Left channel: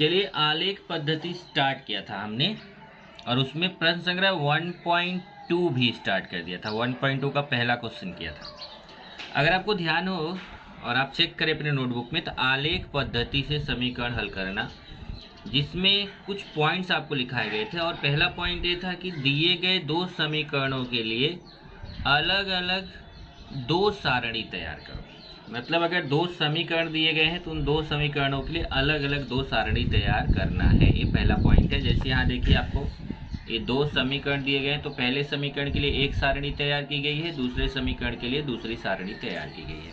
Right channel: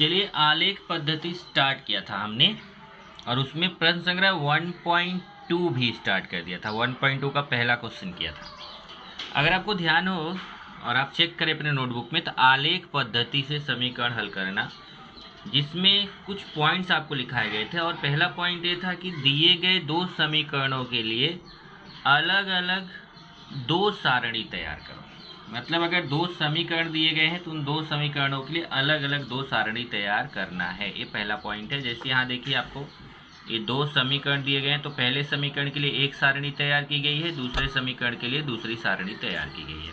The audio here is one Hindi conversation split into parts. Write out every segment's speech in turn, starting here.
चलिए आलेख पद्धति स्टार्ट किया था हमने और उसमें प्रश्न संग्रह 1.2 भी स्टार्ट कर दिया था। 1.2 का पहला क्वेश्चन किया था। अगर आपको ध्यान हो और आप चेक करें अपने नोटबुक में तो आलेख पद्धति से समीकरण हल करना, जिसमें कुछ पॉइंट्स आपको लिखाए गए थे। और पहला पॉइंट ये था कि दिए गए दो समीकरणों के लिए अलग अलग दो सारणी तैयार करो। मतलब अगर दो समीकरण दिए गए हैं तो उन दो समीकरणों के लिए अलग अलग दो सारणी तैयार करना है। ये पहला पॉइंट है। जैसे यहाँ देखिए आपको ये दो समीकरण दिए गए हैं तो पहले समीकरण के लिए एक सारणी तैयार की गई है, दूसरे समीकरण के लिए दूसरी सारणी तैयार की गई है।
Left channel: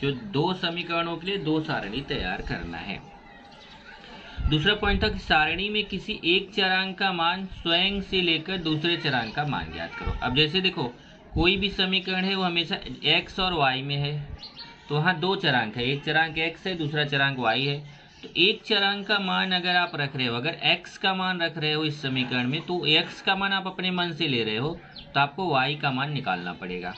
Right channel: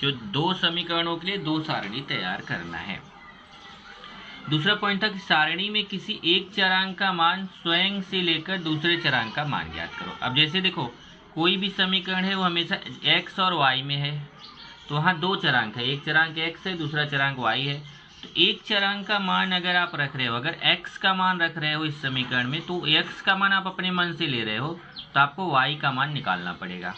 जो दो समीकरणों के लिए दो सारणी तैयार करना है। दूसरा पॉइंट था कि सारणी में किसी एक चरांक का मान स्वयं से लेकर दूसरे चरांक का मान ज्ञात करो। अब जैसे देखो कोई भी समीकरण है वो हमेशा x और y में है, तो वहाँ दो चरांक है, एक चरांक x है, दूसरा चरांक y है। तो एक चरांक का मान अगर आप रख रहे हो, अगर x का मान रख रहे हो इस समीकरण में, तो x का मान आप अपने मन से ले रहे हो तो आपको y का मान निकालना पड़ेगा।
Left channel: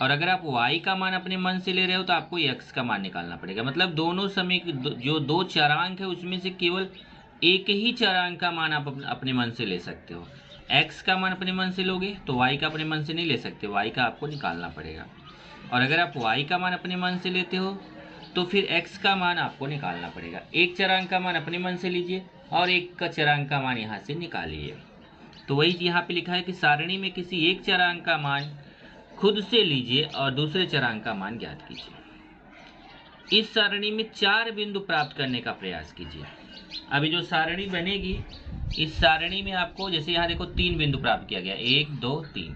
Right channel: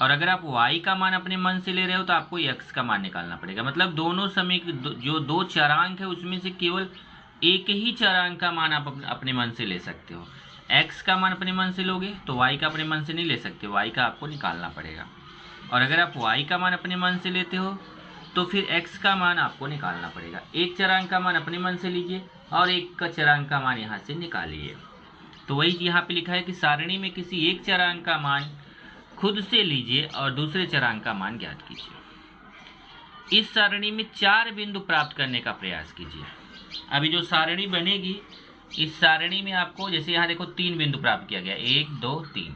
और अगर आप y का मान अपने मन से ले रहे हो तो आपको x का मान निकालना पड़ेगा। मतलब दोनों जो दो चरांक है उसमें से केवल एक ही चरांक का मान आप अपने मन से ले सकते हो। x का मान अपने मन से लोगे तो y का अपने मन से नहीं ले सकते, y का आपको निकालना पड़ेगा। और अगर आप y का मान अपने मन से लेते हो तो फिर x का मान आपको निकालना पड़ेगा। एक चरांक का मान अपने मन से लीजिए और एक का चरांक का मान यहाँ से निकालिए। तो वही यहाँ पे लिखा है कि सारणी में किसी एक चरांक का मान खुद से लीजिए और दूसरे चरांक का मान ज्ञात कीजिए। इस सारणी में 4 बिंदु प्राप्त करने का प्रयास कीजिए। अभी जो सारणी बनेगी इस सारणी में आपको, जैसे यहाँ देखो 3 बिंदु प्राप्त किया गया, 1 2 3,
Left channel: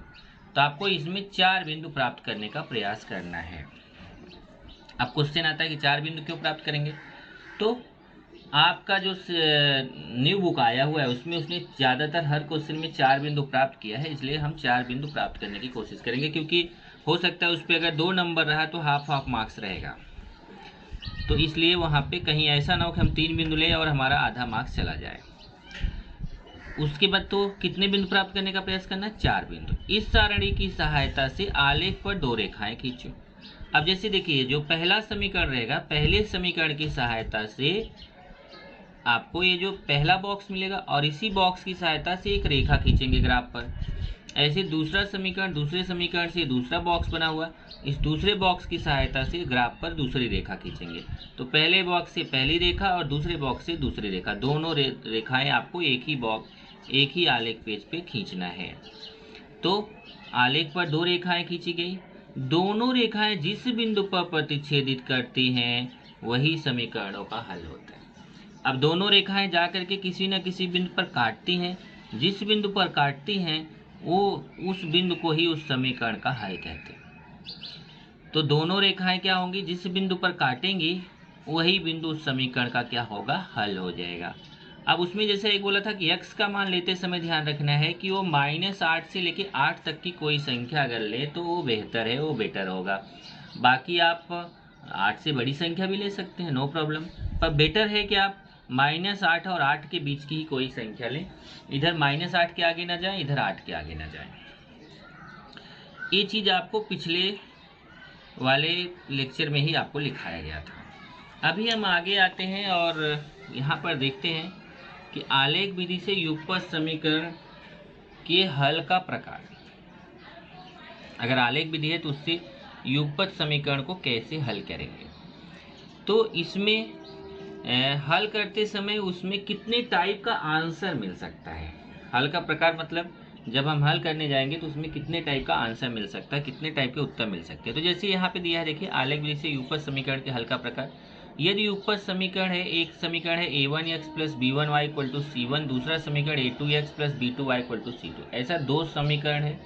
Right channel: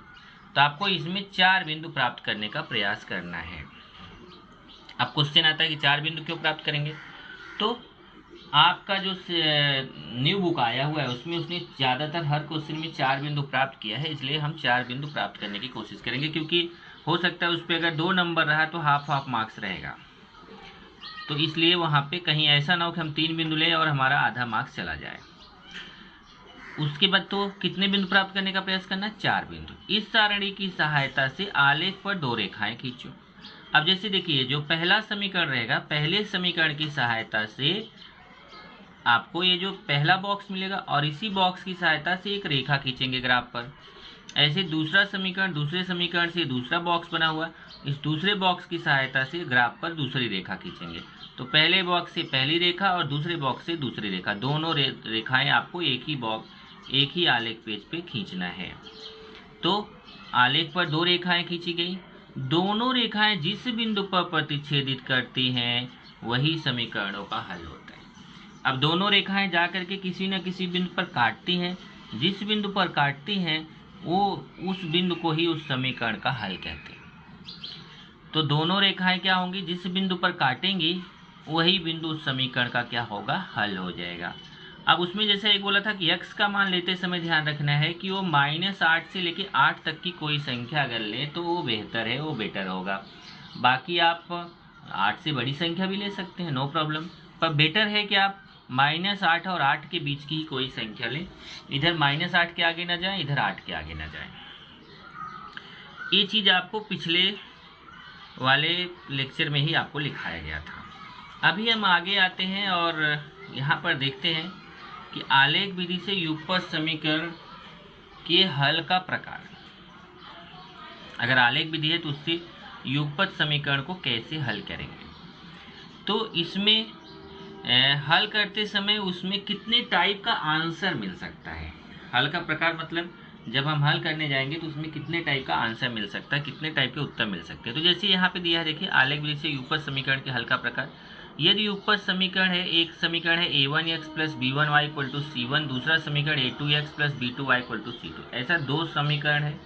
तो आपको इसमें 4 बिंदु प्राप्त करने का प्रयास करना है। अब क्वेश्चन आता है कि 4 बिंदु क्यों प्राप्त करेंगे, तो आपका जो न्यू बुक आया हुआ है उसमें उसने ज़्यादातर हर क्वेश्चन में 4 बिंदु प्राप्त किया है, इसलिए हम 4 बिंदु प्राप्त करने की कोशिश करेंगे। क्योंकि हो सकता है उस पर अगर 2 नंबर रहा तो हाफ मार्क्स रहेगा, तो इसलिए वहाँ पे कहीं ऐसा ना हो कि हम 3 बिंदु लें और हमारा आधा मार्क्स चला जाए। उसके बाद तो कितने बिंदु प्राप्त करने का प्रयास करना है, 4 बिंदु। इस सारणी की सहायता से आलेख पर 2 रेखाएं खींचो। अब जैसे देखिए जो पहला समीकरण रहेगा, पहले समीकरण की सहायता से आपको ये जो पहला बॉक्स मिलेगा और इसी बॉक्स की सहायता से एक रेखा खींचेंगे ग्राफ पर। ऐसे दूसरा समीकरण, दूसरे समीकरण से दूसरा बॉक्स बना हुआ, इस दूसरे बॉक्स की सहायता से ग्राफ पर दूसरी रेखा खींचेंगे। तो पहले बॉक्स से पहली रेखा और दूसरे बॉक्स से दूसरी रेखा, दोनों रेखाएं आपको एक ही आलेख पेज पे खींचना है। तो आलेख पर 2 रेखाएं खींची गई, दोनों रेखाएं जिस बिंदु पर प्रतिच्छेदित करती हैं वही समीकरणों का हल होता है। अब दोनों रेखाएं जाकर के किसी न किसी बिंदु पर काटती हैं, जिस बिंदु पर काटती हैं वो उस बिंदु को ही उस समीकरण का हल कहते हैं। तो दोनों रेखाएं क्या होंगी, जिस बिंदु पर काटेंगी वही बिंदु उस समीकरण का क्या होगा, हल हो जाएगा। अब उसमें जैसे एक बोला था कि x का मान लेते समय ध्यान रखना है कि वो -8 से लेके 8 तक की कोई संख्या अगर ले तो वो बेहतर है, वो बेटर होगा। बाकी आप 8 से बड़ी संख्या भी ले सकते हैं, नो प्रॉब्लम, पर बेटर है कि आप -8 और 8 के बीच की ही कोई संख्या लें। इधर -8 के आगे ना जाए, इधर 8 के आगे ना जाए। ये चीज़ आपको पिछले वाले लेक्चर में ही आपको लिखाया गया था। अभी हम आगे आते हैं और यहाँ पर देखते हैं कि आलेख विधि से युगपत समीकरण के हल का प्रकार। अगर आलेख विधि है तो उससे युगपत समीकरण को कैसे हल करेंगे। तो इसमें हल करते समय उसमें कितने टाइप का आंसर मिल सकता है। हल का प्रकार मतलब जब हम हल करने जाएंगे तो उसमें कितने टाइप का आंसर मिल सकता है, कितने टाइप के उत्तर मिल सकते हैं। तो जैसे यहाँ पे दिया है, देखिए आलेख विधि से युगपत समीकरण के हल का प्रकार। यदि युगपत समीकरण है, एक समीकरण है a1x plus b1y equal to c1, दूसरा समीकरण a2x plus b2y equal to c2, ऐसा 2 समीकरण है।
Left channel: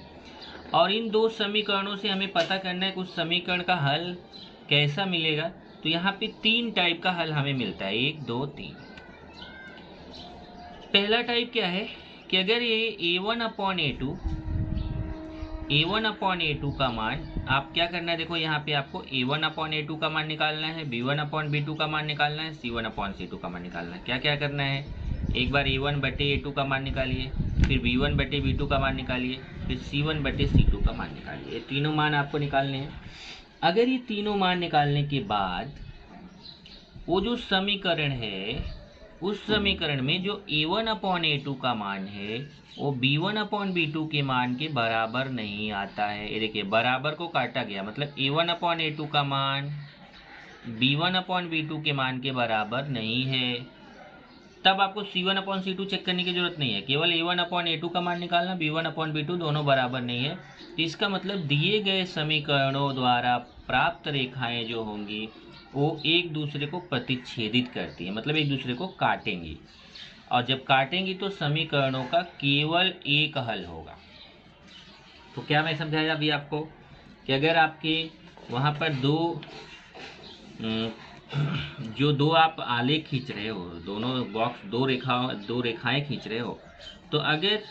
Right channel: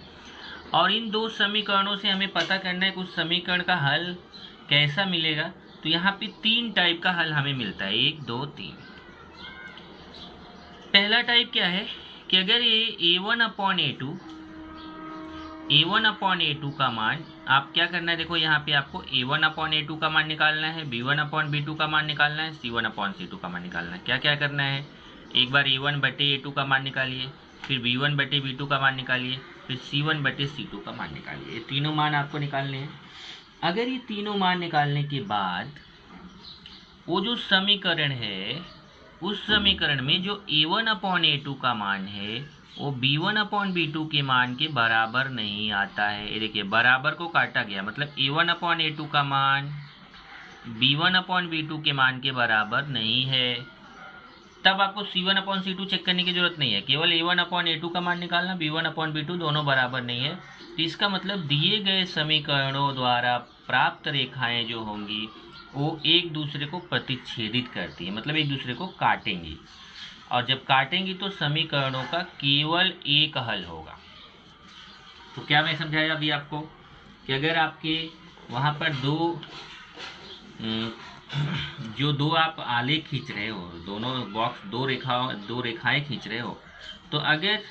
और इन 2 समीकरणों से हमें पता करना है कि उस समीकरण का हल कैसा मिलेगा। तो यहाँ पे 3 टाइप का हल हमें मिलता है, 1 2 3। पहला टाइप क्या है कि अगर ये a1/a2 का मान, आप क्या करना है, देखो यहाँ पे आपको a1/a2 का मान निकालना है, b1/b2 का मान निकालना है, c1/c2 का मान निकालना है। क्या क्या करना है, एक बार a1/a2 का मान निकालिए, फिर b1/b2 का मान निकालिए, फिर c1/c2 का मान निकालिए। ये तीनों मान आपको निकालने हैं। अगर ये तीनों मान निकालने के बाद वो जो समीकरण है उस समीकरण में जो a1/a2 का मान है वो b1/b2 के मान के बराबर नहीं आता है। ये देखिए बराबर को काटा गया, मतलब a1/a2 का मान b1/b2 के मान के बराबर नहीं है। तब आपको c1/c2 चेक करने की जरूरत नहीं है, केवल a1/a2 का मान निकालना, b1/b2 दोनों बराबर नहीं है। तो इसका मतलब दिए गए समीकरणों द्वारा प्राप्त रेखाएं जो होंगी वो एक दूसरे को प्रतिच्छेदित करती हैं, मतलब एक दूसरे को काटेंगी, और जब काटेंगी तो समीकरणों का केवल एक हल होगा। तो क्या मैं समझाया अभी आपको कि अगर आपके वहाँ पर दो आप आलेख खींच रहे हो, दोनों बॉक्स दो रेखाएं खींच रहे हो, तो अगर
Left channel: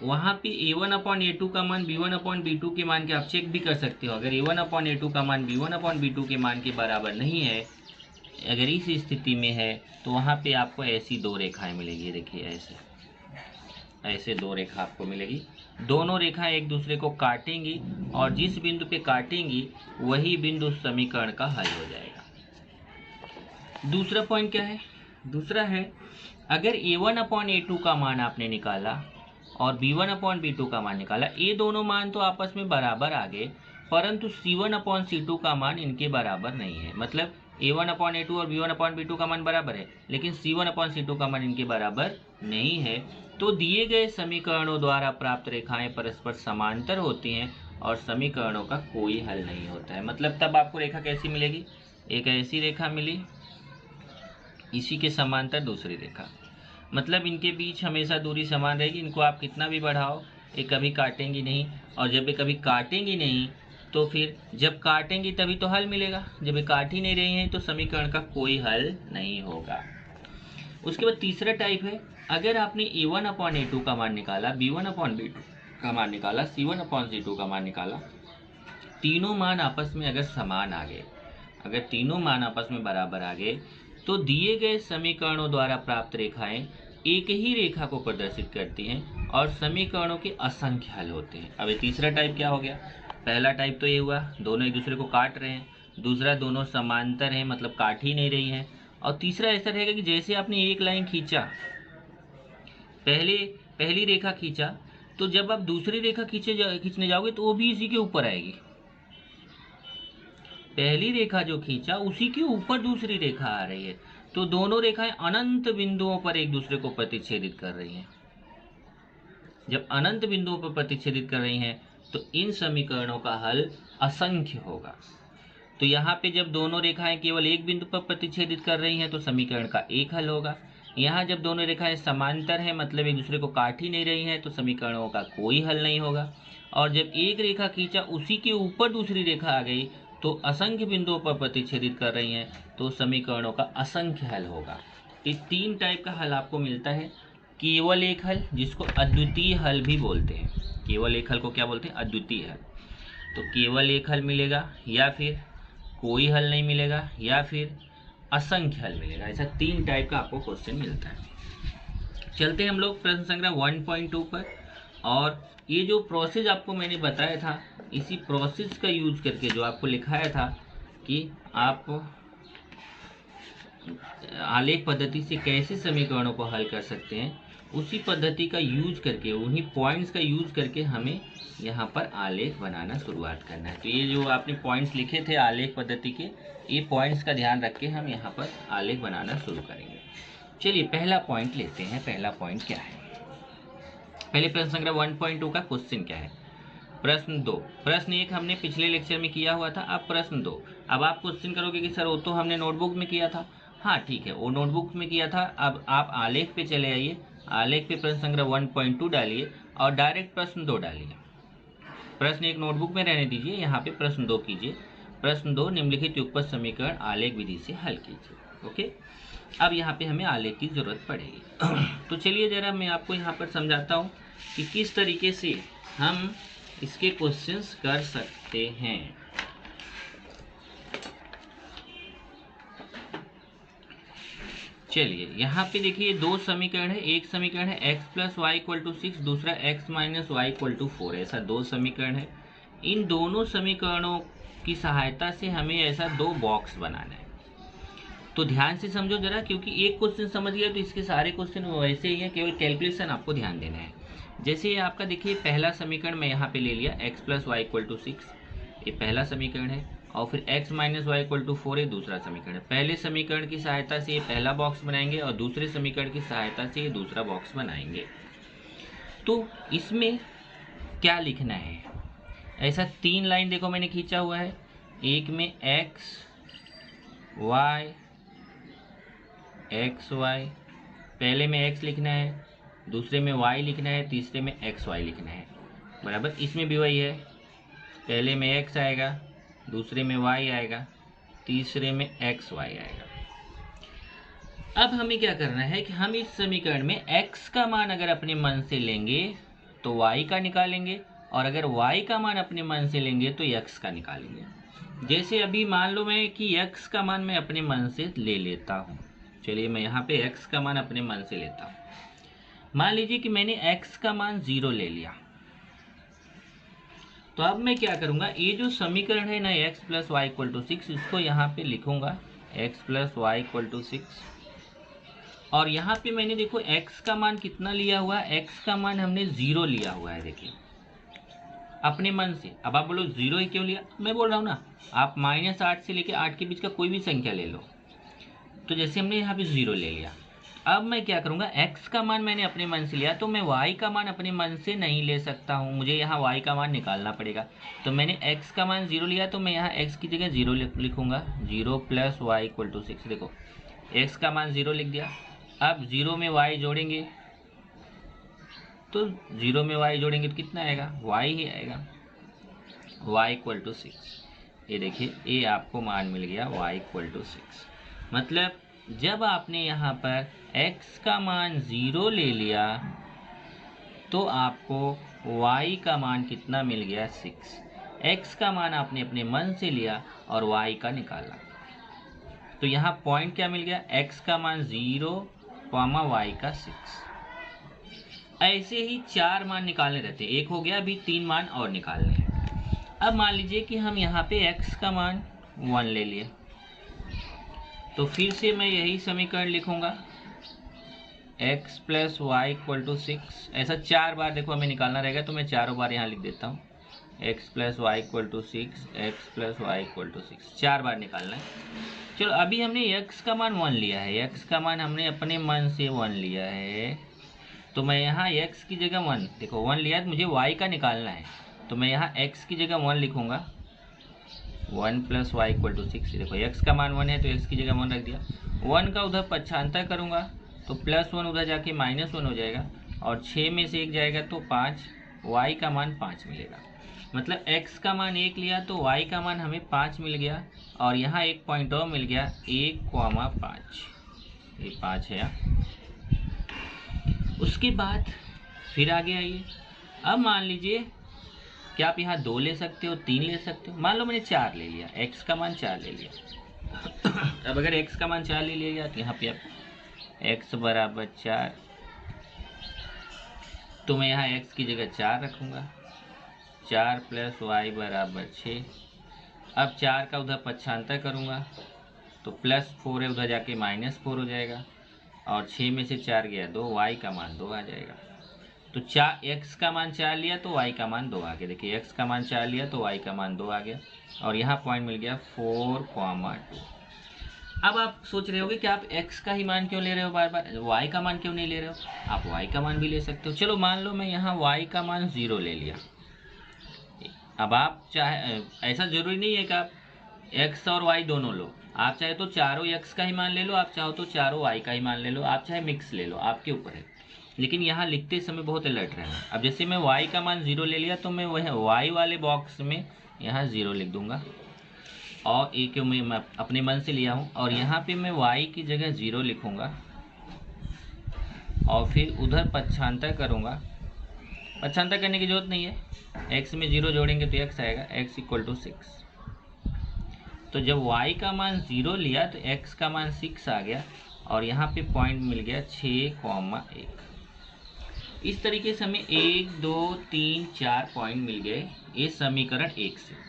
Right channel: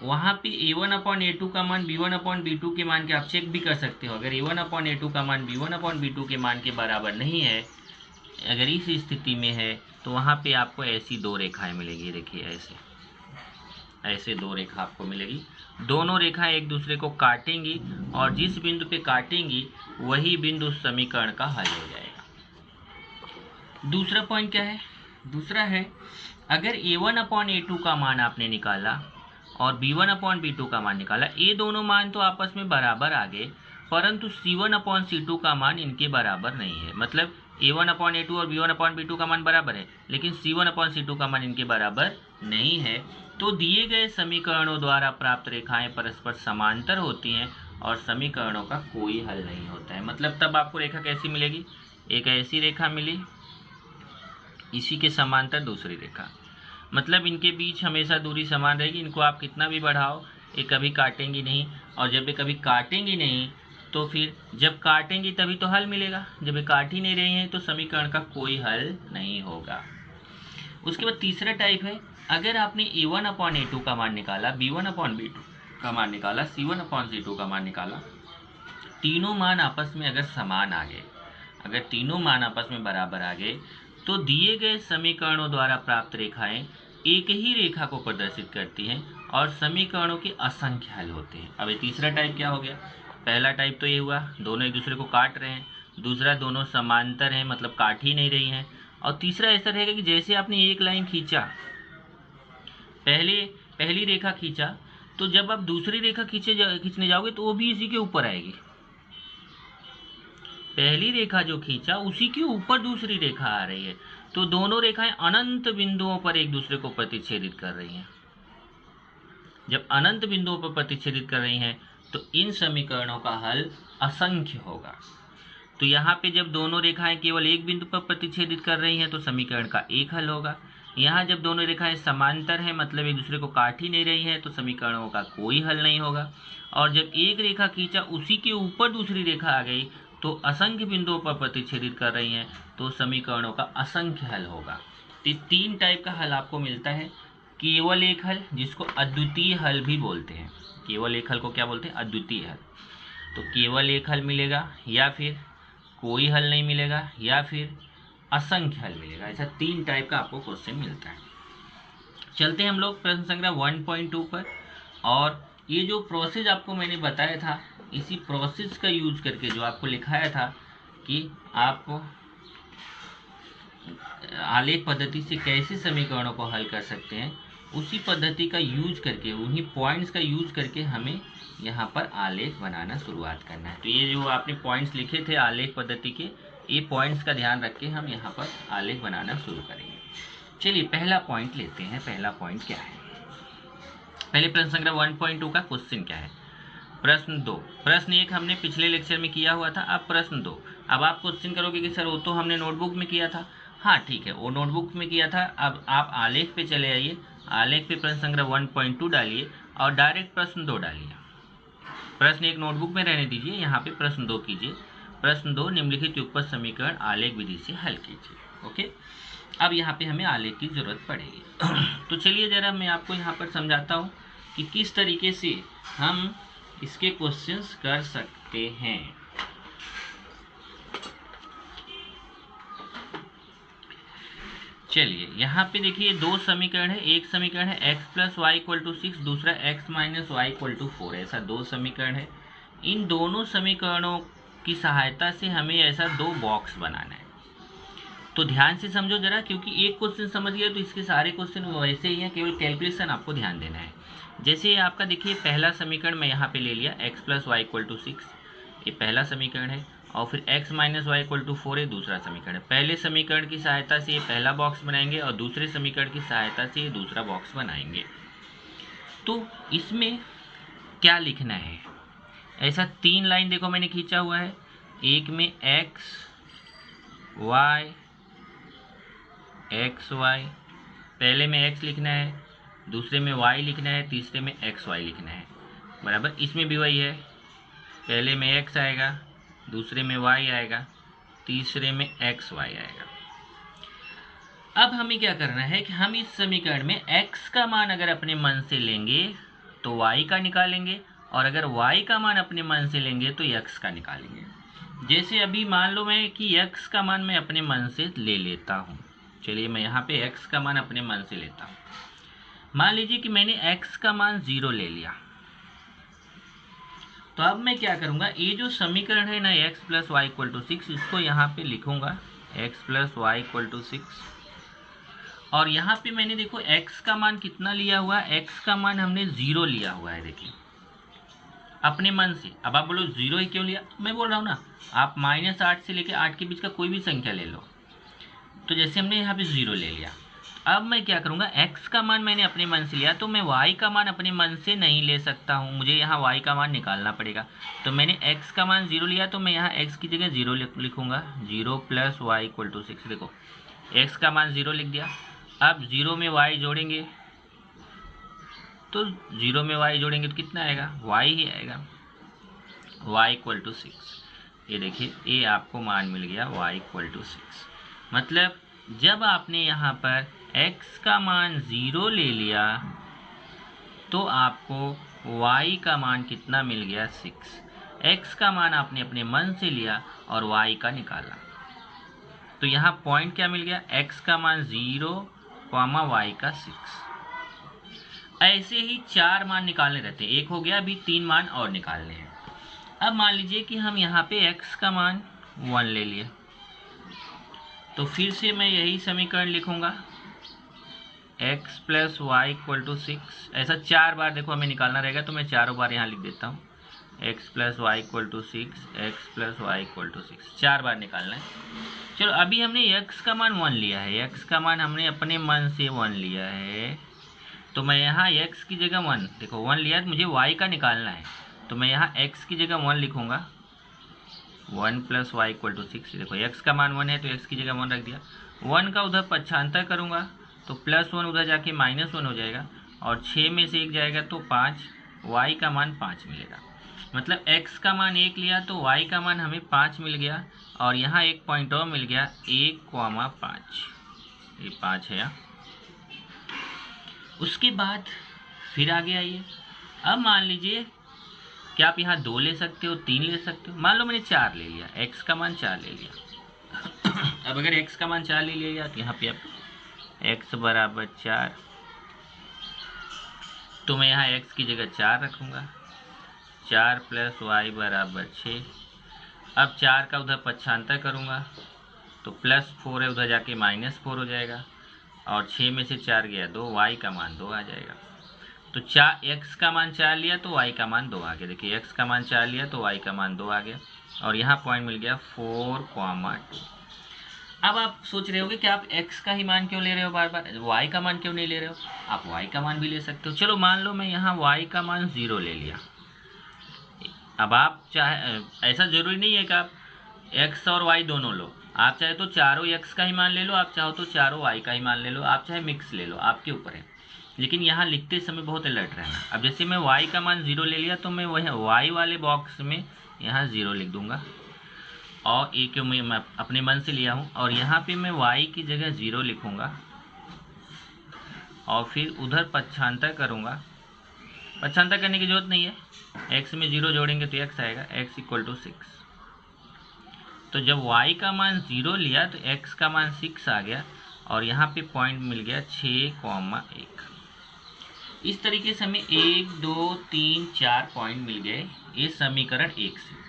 वहाँ पे a1/a2 का मान b1/b2 के मान के आप चेक भी कर सकते हो। अगर a1/a2 का मान b1/b2 के मान के बराबर नहीं है, अगर इस स्थिति में है, तो वहाँ पे आपको ऐसी दो रेखाएं मिलेगी। देखिए ऐसे दो रेखा आपको मिलेगी, दोनों रेखाएं एक दूसरे को काटेंगी और जिस बिंदु पे काटेंगी वही बिंदु उस समीकरण का हल हो जाएगा। दूसरा पॉइंट क्या है? दूसरा है अगर a1/a2 का मान आपने निकाला और b1/b2 का मान निकाला, ये दोनों मान तो आपस में बराबर आ गए, परंतु c1/c2 का मान इनके बराबर नहीं है। मतलब a1/a2 और b1/b2 का मान बराबर है, लेकिन c1/c2 का मान इनके बराबर नहीं है। तो दिए गए समीकरणों द्वारा प्राप्त रेखाएं परस्पर समांतर होती हैं और समीकरणों का कोई हल नहीं होता है। मतलब तब आपको रेखा कैसी मिलेगी? एक ऐसी रेखा मिली, इसी के समांतर दूसरी रेखा, मतलब इनके बीच हमेशा दूरी समान रहेगी। इनको आप कितना भी बढ़ाओ ये कभी काटेंगी नहीं, और जब ये कभी काटेंगी नहीं तो फिर जब काटेंगी तभी तो हल मिलेगा। जब ये काट ही नहीं रही हैं तो समीकरण का कोई हल नहीं होगा। उसके बाद तीसरा टाइप है, अगर आपने a1/a2 का मान निकाला, b1/b2 का मान निकाला, c1/c2 का मान निकाला, तीनों मान आपस में अगर समान आ गए, अगर तीनों मान आपस में बराबर आ गए, तो दिए गए समीकरणों द्वारा प्राप्त रेखाएं एक ही रेखा को प्रदर्शित करती हैं और समीकरणों के असंख्य हल होते हैं। अब ये तीसरा टाइप क्या हो गया? पहला टाइप तो ये हुआ दोनों एक दूसरे को काट रहे हैं, दूसरा दोनों समांतर हैं, मतलब काट ही नहीं रही हैं, और तीसरा ऐसा रहेगा कि जैसे आपने एक लाइन खींचा, पहली रेखा खींचा, तो जब आप दूसरी रेखा खींचने जाओगे तो वो भी इसी के ऊपर आएगी। पहली रेखा जो खींचा उसी के ऊपर दूसरी रेखा आ रही है, तो दोनों रेखाएं अनंत बिंदुओं पर एक दूसरे को प्रतिच्छेदित कर रही हैं। जब अनंत बिंदुओं पर प्रतिच्छेदित कर रही हैं तो इन समीकरणों का हल असंख्य होगा। तो यहाँ पे जब दोनों रेखाएं केवल एक बिंदु पर प्रतिच्छेदित कर रही हैं तो समीकरण का एक हल होगा। यहाँ जब दोनों रेखाएं समांतर हैं, मतलब एक दूसरे को काट ही नहीं रही हैं, तो समीकरणों का कोई हल नहीं होगा। और जब एक रेखा खींचा उसी के ऊपर दूसरी रेखा आ गई तो असंख्य बिंदुओं पर प्रतिच्छेदित कर रही हैं, तो समीकरणों का असंख्य हल होगा। तो तीन टाइप का हल आपको मिलता है। केवल एक हल, जिसको अद्वितीय हल भी बोलते हैं। केवल एक हल को क्या बोलते हैं? अद्वितीय हल। तो केवल एक हल मिलेगा, या फिर कोई हल नहीं मिलेगा, या फिर असंख्य हल मिलेगा। ऐसा तीन टाइप का आपको क्वेश्चन मिलता है। चलते हैं हम लोग प्रश्न संख्या 1.2 पर। और ये जो प्रोसेस आपको मैंने बताया था, इसी प्रोसेस का यूज करके जो आपको लिखाया था कि आप आलेख पद्धति से कैसे समीकरणों को हल कर सकते हैं, उसी पद्धति का यूज करके, उन्हीं पॉइंट्स का यूज करके हमें यहाँ पर आलेख बनाना शुरुआत करना है। तो ये जो आपने पॉइंट्स लिखे थे आलेख पद्धति के, ये पॉइंट्स का ध्यान रख के हम यहाँ पर आलेख बनाना शुरू करेंगे। चलिए पहला पॉइंट लेते हैं। पहला पॉइंट क्या है? पहले प्रश्न संख्या 1.2 का क्वेश्चन क्या है? प्रश्न 2। प्रश्न 1 हमने पिछले लेक्चर में किया हुआ था। अब प्रश्न 2। अब आप क्वेश्चन करोगे कि सर वो तो हमने नोटबुक में किया था। हाँ ठीक है, वो नोटबुक में किया था। अब आप आलेख पे चले आइए, आलेख पे प्रश्न संख्या 1.2 डालिए और डायरेक्ट प्रश्न 2 डालिए। प्रश्न 1 नोटबुक में रहने दीजिए, यहाँ पे प्रश्न 2 कीजिए। प्रश्न 2 निम्नलिखित युगपत समीकरण आलेख विधि से हल कीजिए। ओके, अब यहाँ पे हमें आलेख की जरूरत पड़ेगी। तो चलिए जरा मैं आपको यहाँ पर समझाता हूँ कि किस तरीके से हम इसके क्वेश्चंस कर सकते हैं। चलिए यहाँ पे देखिए दो समीकरण है। एक समीकरण है x + y = 6, दूसरा x - y = 4। ऐसा दो समीकरण है। इन दोनों समीकरणों की सहायता से हमें ऐसा दो बॉक्स बनाना है। तो ध्यान से समझो जरा, क्योंकि एक क्वेश्चन समझ गया तो इसके सारे क्वेश्चन वैसे ही हैं, केवल कैलकुलेशन आपको ध्यान देना है। जैसे आपका देखिए पहला समीकरण मैं यहाँ पे ले लिया x plus y equal to 6, ये पहला समीकरण है, और फिर x minus y equal to 4 ये दूसरा समीकरण है। पहले समीकरण की सहायता से ये पहला बॉक्स बनाएंगे और दूसरे समीकरण की सहायता से ये दूसरा बॉक्स बनाएंगे। तो इसमें क्या लिखना है, ऐसा 3 लाइन देखो मैंने खींचा हुआ है, एक में x y एक्स वाई, पहले में x लिखना है, दूसरे में y लिखना है, तीसरे में एक्स वाई लिखना है, बराबर। इसमें भी वही है, पहले में x आएगा, दूसरे में y आएगा, तीसरे में एक्स वाई आएगा। अब हमें क्या करना है कि हम इस समीकरण में x का मान अगर अपने मन से लेंगे तो y का निकालेंगे, और अगर y का मान अपने मन से लेंगे तो x का निकालेंगे। जैसे अभी मान लो मैं कि x का मान मैं अपने मन से ले लेता हूँ, चलिए मैं यहाँ पे x का मान अपने मन से लेता हूँ। मान लीजिए कि मैंने x का मान 0 ले लिया, तो अब मैं क्या करूँगा, ये जो समीकरण है ना x plus y equal to 6, इसको यहाँ पे लिखूँगा x plus y equal to 6, और यहाँ पे मैंने देखो x का मान कितना लिया हुआ है, x का मान हमने 0 लिया हुआ है, देखिए अपने मन से। अब आप बोलो 0 ही क्यों लिया, मैं बोल रहा हूँ ना, आप -8 से लेकर 8 के बीच का कोई भी संख्या ले लो। तो जैसे हमने यहाँ पे 0 ले लिया, अब मैं क्या करूँगा, x का मान मैंने अपने मन से लिया, तो मैं y का मान अपने मन से नहीं ले सकता हूँ, मुझे यहाँ y का मान निकालना पड़ेगा। तो मैंने x का मान 0 लिया, तो मैं यहाँ x की जगह 0 लिखूँगा, 0 प्लस वाई इक्वल टू 6। देखो x का मान 0 लिख दिया, अब 0 में y जोड़ेंगे, तो 0 में y जोड़ेंगे तो कितना आएगा, y ही आएगा, y इक्वल टू 6। ये देखिए ये आपको मान मिल गया y इक्वल टू 6। मतलब जब आपने यहाँ पर x का मान 0 ले लिया तो आपको y का मान कितना मिल गया, 6। x का मान आपने अपने मन से लिया और y का निकाला, तो यहाँ पॉइंट क्या मिल गया, x का मान 0, y का 6। ऐसे ही 4 मान निकालने रहते हैं, एक हो गया, अभी 3 मान और निकालने हैं। अब मान लीजिए कि हम यहाँ पे x का मान 1 ले लिए, तो फिर से मैं यही समीकरण लिखूंगा, x plus y equal to 6। ऐसा 4 बार देखो हमें निकालना रहेगा, तो मैं चारों बार यहाँ लिख देता हूँ, x plus y equal to 6, x plus y equal to 6, 4 बार निकालना है। चलो अभी हमने x का मान 1 लिया है, x का मान हमने अपने मन से 1 लिया है, तो मैं यहाँ x की जगह 1, देखो 1 लिया, तो मुझे y का निकालना है, तो मैं यहाँ x की जगह 1 लिखूँगा, 1 प्लस वाई इक्वल टू 6। देखो x का मान 1 है तो x की जगह 1 रख दिया, 1 का उधर पक्षांतर करूँगा तो +1 उधर जाके -1 हो जाएगा, और 6 में से 1 जाएगा तो 5, y का मान 5 मिलेगा। मतलब x का मान 1 लिया तो y का मान हमें 5 मिल गया, और यहाँ एक पॉइंट और मिल गया 1,5, ये 5 है। उसके बाद फिर आगे आइए, अब मान लीजिए कि आप यहाँ 2 ले सकते हो, 3 ले सकते हो, मान लो मैंने 4 ले लिया, x का मान 4 ले लिया। अब अगर x का मान 4 ले लिया तो यहाँ पे आप x बराबर 4, तो मैं यहाँ x की जगह 4 रखूँगा, 4 प्लस वाई बराबर 6। अब 4 का उधर पक्षांतर करूँगा तो +4 है, उधर जाके -4 हो जाएगा, और 6 में से 4 गया 2, y का मान 2 आ जाएगा। तो x का मान 4 लिया तो y का मान 2 आ गया, देखिए x का मान 4 लिया तो y का मान 2 आ गया, और यहाँ पॉइंट मिल गया 4,2। अब आप सोच रहे होगे कि आप x का ही मान क्यों ले रहे हो, बार बार y का मान क्यों नहीं ले रहे हो, आप y का मान भी ले सकते हो। चलो मान लो मैं यहाँ y का मान 0 ले लिया, अब आप चाहे, ऐसा ज़रूरी नहीं है कि आप x और y दोनों लो, आप चाहे तो चारों x का ही मान ले लो, आप चाहो तो चारों y का ही मान ले लो, आप चाहे मिक्स ले लो, आपके ऊपर है, लेकिन यहाँ लिखते समय बहुत अलर्ट रहना। अब जैसे मैं y का मान 0 ले लिया तो मैं वह y वाले बॉक्स में यहाँ 0 लिख दूंगा, और ए क्यों मैं अपने मन से लिया हूँ, और यहाँ पे मैं y की जगह 0 लिखूँगा, और फिर उधर पक्षांतर करूँगा। पक्षांतर करने की जरूरत नहीं है, x में 0 जोड़ेंगे तो x आएगा, x इक्वल टू 6। तो जब y का मान 0 लिया तो x का मान 6 आ गया, और यहाँ पे पॉइंट मिल गया 6,1। इस तरीके से हमें 1, 2, 3, 4 पॉइंट मिल गए, ये समीकरण 1 से।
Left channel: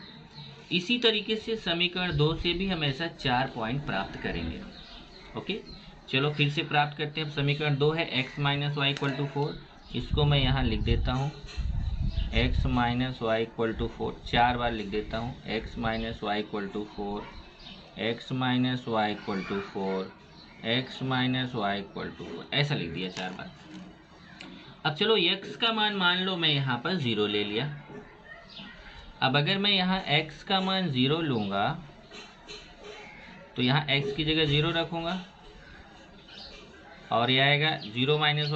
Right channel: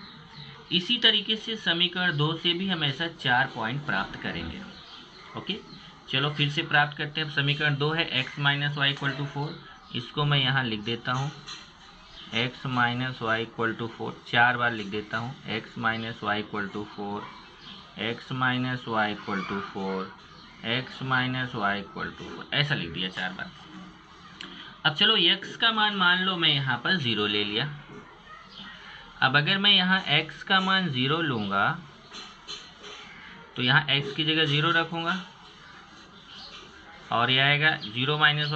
इसी तरीके से समीकरण 2 से भी हम ऐसा 4 पॉइंट प्राप्त करेंगे। ओके, चलो फिर से प्राप्त करते हैं। अब समीकरण 2 है x minus y equal to 4, इसको मैं यहाँ लिख देता हूँ x minus y equal to 4, 4 बार लिख देता हूँ x minus y equal to 4, x minus y equal to 4, x minus y equal to 4, ऐसा लिख दिया 4 बार। अब चलो x का मान लो मैं यहाँ पर 0 ले लिया। अब अगर मैं यहाँ x का मान 0 लूँगा तो यहाँ x की जगह 0 रखूँगा और यह आएगा 0 माइनस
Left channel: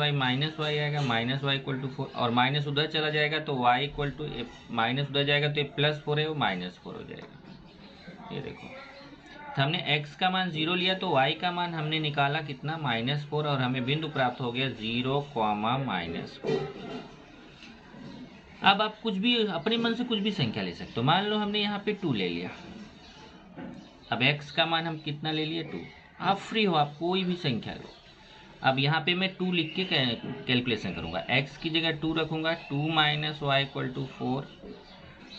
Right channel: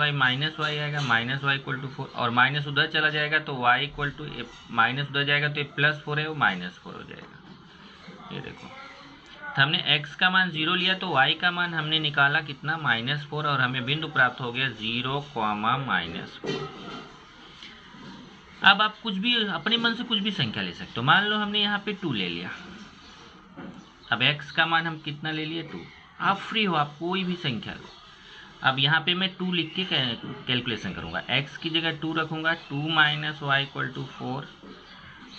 वाई आएगा, माइनस वाई इक्वल टू 4, और माइनस उधर चला जाएगा तो y इक्वल टू माइनस उधर जाएगा तो ये +4 है, वो -4 हो जाएगा। ये देखो, तो हमने x का मान 0 लिया तो y का मान हमने निकाला कितना, -4, और हमें बिंदु प्राप्त हो गया 0, -4। अब आप कुछ भी अपने मन से कुछ भी संख्या ले सकते हो। मान लो हमने यहाँ पे 2 ले लिया। अब x का मान हम कितना ले लिए, 2। आप फ्री हो, आप कोई भी संख्या लो। अब यहाँ पे मैं 2 लिख के कैलकुलेशन करूँगा। x की जगह 2 रखूँगा, 2 माइनस वाई इक्वल टू 4।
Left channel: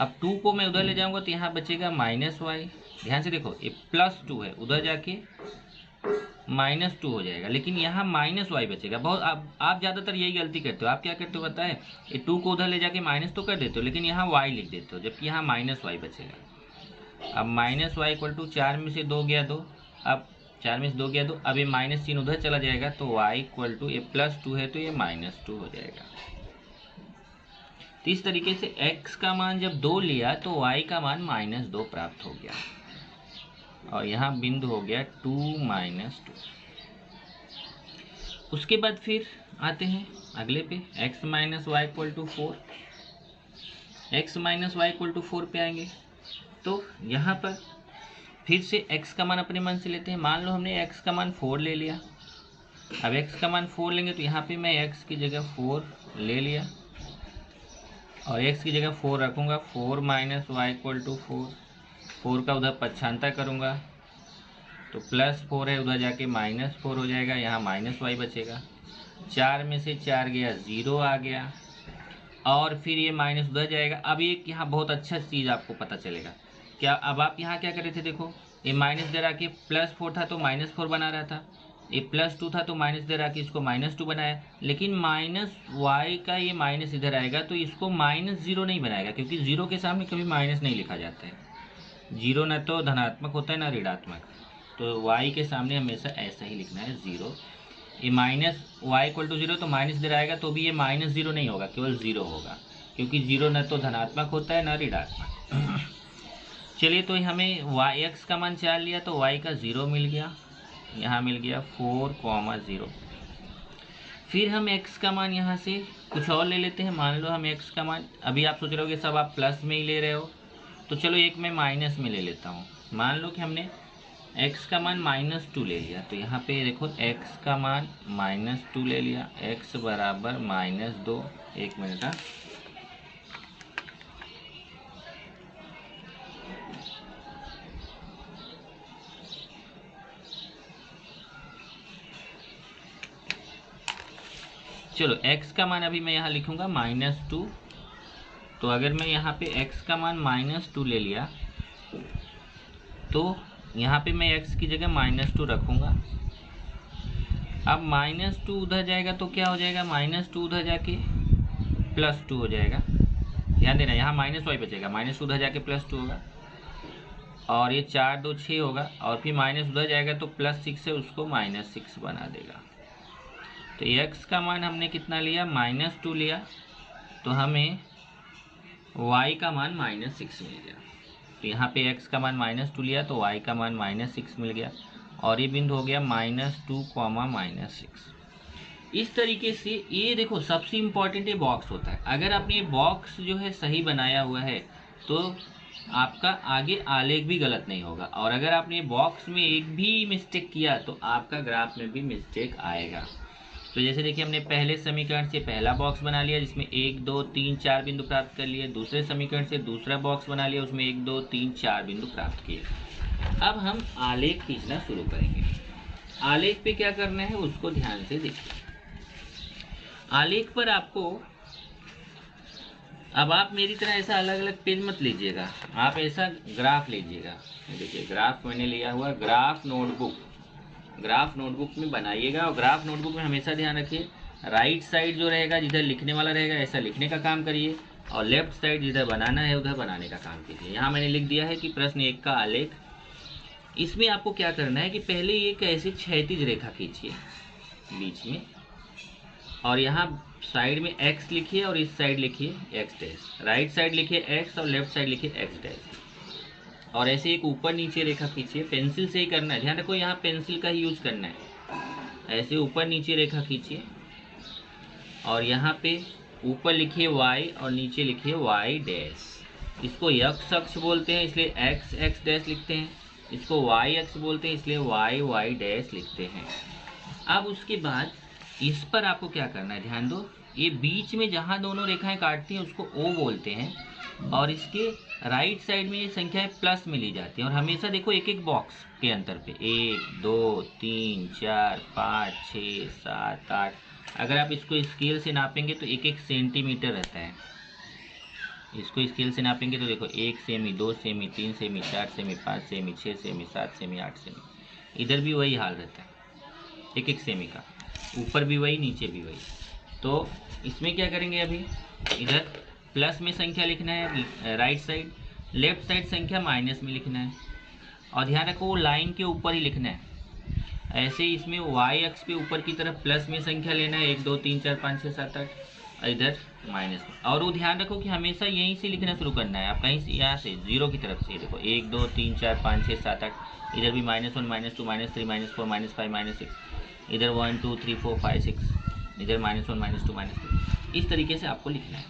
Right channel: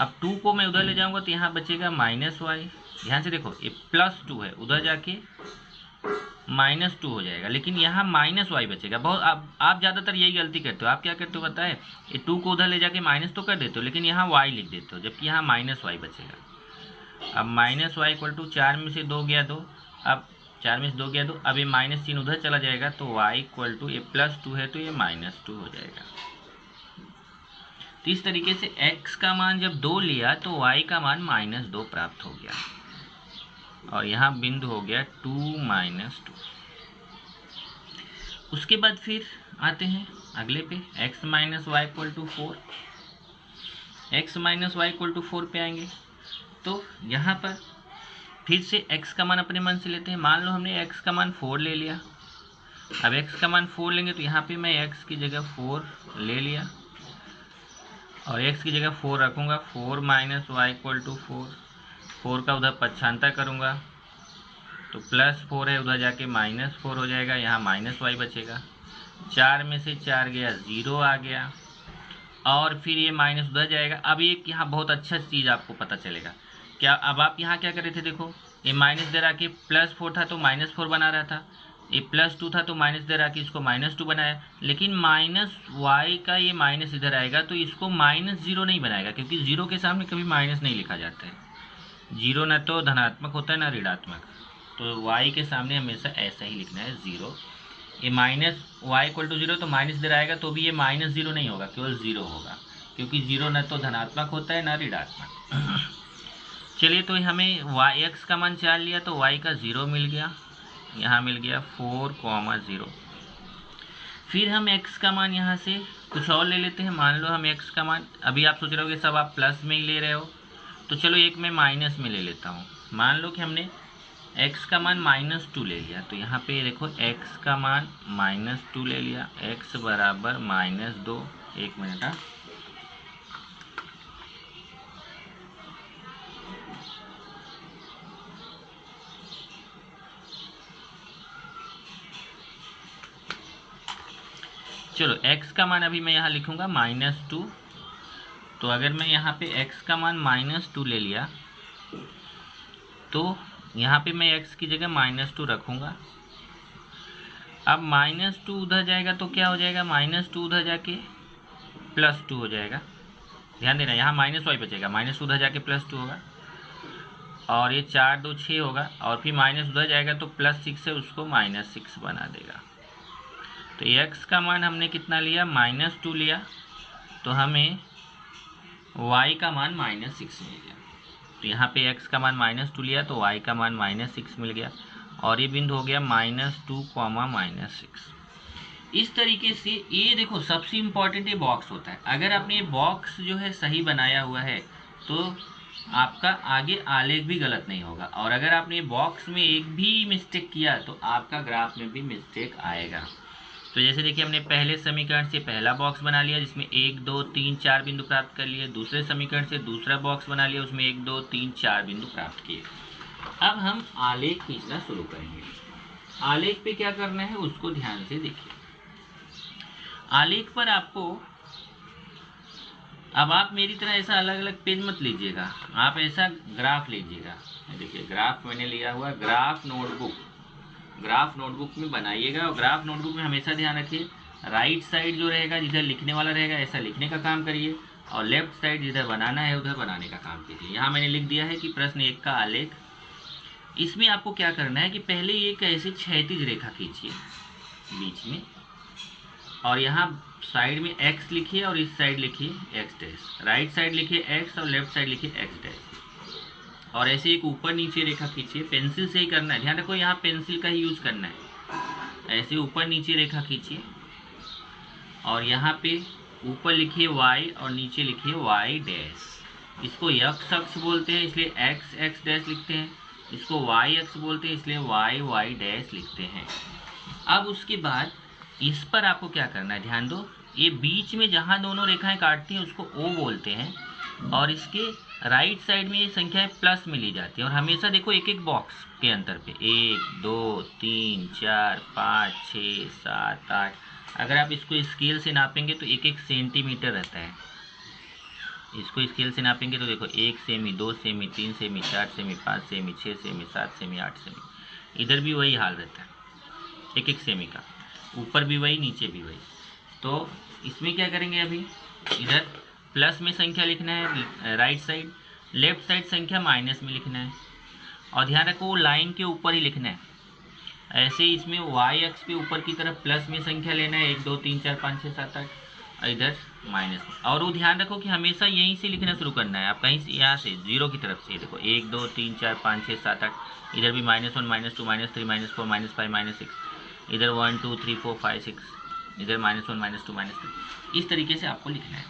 अब 2 को मैं उधर ले जाऊँगा तो यहाँ बचेगा -y। ध्यान से देखो, ये +2 है, उधर जाके -2 हो जाएगा, लेकिन यहाँ -y बचेगा। बहुत आप ज़्यादातर यही गलती करते हो। आप क्या करते हो पता है, ये 2 को उधर ले जाके माइनस तो कर देते हो, लेकिन यहाँ y लिख देते हो, जबकि यहाँ -y बचेगा। अब -y इक्वल टू 4 में से 2 गया 2, अब 4 में से 2 गया 2, अब ये माइनस चिन्ह उधर चला जाएगा तो y इक्वल टू, ये +2 है तो ये -2 हो जाएगा। तो इस तरीके से x का मान जब 2 लिया तो y का मान -2 प्राप्त हो गया, और यहाँ बिंदु हो गया 2 -2। उसके बाद फिर आते हैं अगले पे, x minus y equal to 4। x minus y equal to 4 पे आएंगे तो यहाँ पर फिर से x का मान अपने मन से लेते हैं। मान लो हमने x का मान 4 ले लिया। अब x का मान 4 लेंगे तो यहाँ पे मैं x की जगह 4 ले लिया और x की जगह 4 रखूँगा। 4 माइनस वाई इक्वल टू 4 का उधर पक्षांतर करूँगा तो +4 है, उधर जाके -4 हो जाएगा, यहाँ -y बचेगा। 4 में से 4 गया 0 आ गया, और फिर ये माइनस उधर जाएगा। अब एक यहाँ बहुत अच्छा चीज़ आपको पता चलेगा क्या। अब आप यहाँ क्या कर रहे थे, देखो ये माइनस दे रहा कि +4 था तो -4 बना रहा था, ये +2 था तो माइनस दे रहा कि इसको -2 बनाया, लेकिन -y का ये माइनस इधर आएगा तो इसको -0 नहीं बनाएगा, क्योंकि 0 के सामने कभी माइनस नहीं लिखा जाता है। 0 न तो धनात्मक होता है ना ऋणात्मक, तो y के सामने हमेशा ऐसा ही लिखना है 0। ये -y इक्वल टू 0 तो माइनस इधर आएगा तो भी ये -0 नहीं होगा, केवल 0 होगा, क्योंकि 0 न तो धनात्मक होता है ना ऋणात्मक। चलिए, तो हमें x का मान 4 लिया तो y का 0 मिल गया, यहाँ मिल गया 4,0। फिर हम x का मान यहाँ से कुछ और ले लेते हैं। मान लो हम x का मान, अभी आप सोच रहे हो कि सब आप प्लस में ही ले रहे हो, तो चलो एक मैं माइनस में ले लेता हूँ। मान लो कि हमने x का मान -2 ले लिया, तो यहाँ पे देखो x का मान -2 ले लिया, x बराबर -2। एक मिनट, हाँ, चलो x का मान अभी मैं यहाँ लिखूँगा -2। तो अगर मैं यहाँ पे x का मान -2 ले लिया तो यहाँ पे मैं x की जगह -2 रखूँगा। अब -2 उधर जाएगा तो क्या हो जाएगा, -2 उधर जाके +2 हो जाएगा। ध्यान देना, यहाँ -y बचेगा, -2 उधर जाके +2 होगा, और ये 4 2 6 होगा, और फिर माइनस उधर जाएगा तो +6 है, उसको -6 बना देगा। तो x का मान हमने कितना लिया, -2 लिया, तो हमें y का मान -6 मिल गया। तो यहाँ पे x का मान -2 लिया तो y का मान -6 मिल गया, और ये बिंदु हो गया -2, -6। इस तरीके से ये देखो, सबसे इम्पॉर्टेंट ये बॉक्स होता है। अगर आपने ये बॉक्स जो है सही बनाया हुआ है तो आपका आगे आलेख भी गलत नहीं होगा, और अगर आपने बॉक्स में एक भी मिस्टेक किया तो आपका ग्राफ में भी मिस्टेक आएगा। तो जैसे देखिए, हमने पहले समीकरण से पहला बॉक्स बना लिया जिसमें 1 2 3 4 बिंदु प्राप्त कर लिए। दूसरे समीकरण से दूसरा बॉक्स बना लिया, उसमें 1 2 3 4 बिंदु प्राप्त किए। अब हम आलेख खींचना शुरू करेंगे। आलेख पे क्या करना है उसको ध्यान से देखिए। आलेख पर आपको, अब आप मेरी तरह ऐसा अलग अलग पेन मत लीजिएगा, आप ऐसा ग्राफ लीजिएगा। देखिए ग्राफ मैंने लिया हुआ, ग्राफ नोटबुक, ग्राफ नोटबुक में बनाइएगा, और ग्राफ नोटबुक में हमेशा ध्यान रखिए राइट साइड जो रहेगा जिधर लिखने वाला रहेगा ऐसा लिखने का काम करिए, और लेफ्ट साइड जिधर बनाना है उधर बनाने का काम कीजिए। यहाँ मैंने लिख दिया है कि प्रश्न 1 का आलेख। इसमें आपको क्या करना है कि पहले एक ऐसे क्षैतिज रेखा खींचिए बीच में, और यहाँ साइड में x लिखिए और इस साइड लिखिए x डैश, राइट साइड लिखिए x और लेफ्ट साइड लिखिए x डैश, और ऐसे एक ऊपर नीचे रेखा खींचिए। पेंसिल से ही करना है, ध्यान रखो यहाँ पेंसिल का ही यूज करना है। ऐसे ऊपर नीचे रेखा खींचिए और यहाँ पे ऊपर लिखिए y और नीचे लिखिए y डैश। इसको x अक्ष बोलते हैं इसलिए x x डैश लिखते हैं, इसको y अक्ष बोलते हैं इसलिए y y डैश लिखते हैं। अब उसके बाद इस पर आपको क्या करना है, ध्यान दो, ये बीच में जहाँ दोनों रेखाएं काटती हैं उसको O बोलते हैं, और इसके राइट साइड में ये संख्याएं प्लस में ली जाती हैं। और हमेशा देखो एक एक बॉक्स के अंतर पे 1 2 3 4 5 6 7 8, अगर आप इसको स्केल से नापेंगे तो 1 सेंटीमीटर रहता है। इसको स्केल से नापेंगे तो देखो 1 semi 2 semi 3 semi 4 semi 5 semi 6 semi 7 semi 8 semi. इधर भी वही हाल रहता है, 1 सेमी का, ऊपर भी वही नीचे भी वही। तो इसमें क्या करेंगे, अभी इधर प्लस में संख्या लिखना है राइट साइड, लेफ्ट साइड संख्या माइनस में लिखना है, और ध्यान रखो वो लाइन के ऊपर ही लिखना है। ऐसे इसमें y अक्ष पे ऊपर की तरफ प्लस में संख्या लेना है 1 2 3 4 5 6 7 8, और इधर माइनस में। और वो ध्यान रखो कि हमेशा यहीं से लिखना शुरू करना है, आप कहीं से यहाँ से जीरो की तरफ से देखो 1 2 3 4 5 6 7 8, इधर भी -1 -2 -3 -4 -5 -6, इधर 1 2 3 4 5 6, इधर -1 -2 -3, इस तरीके से आपको लिखना है।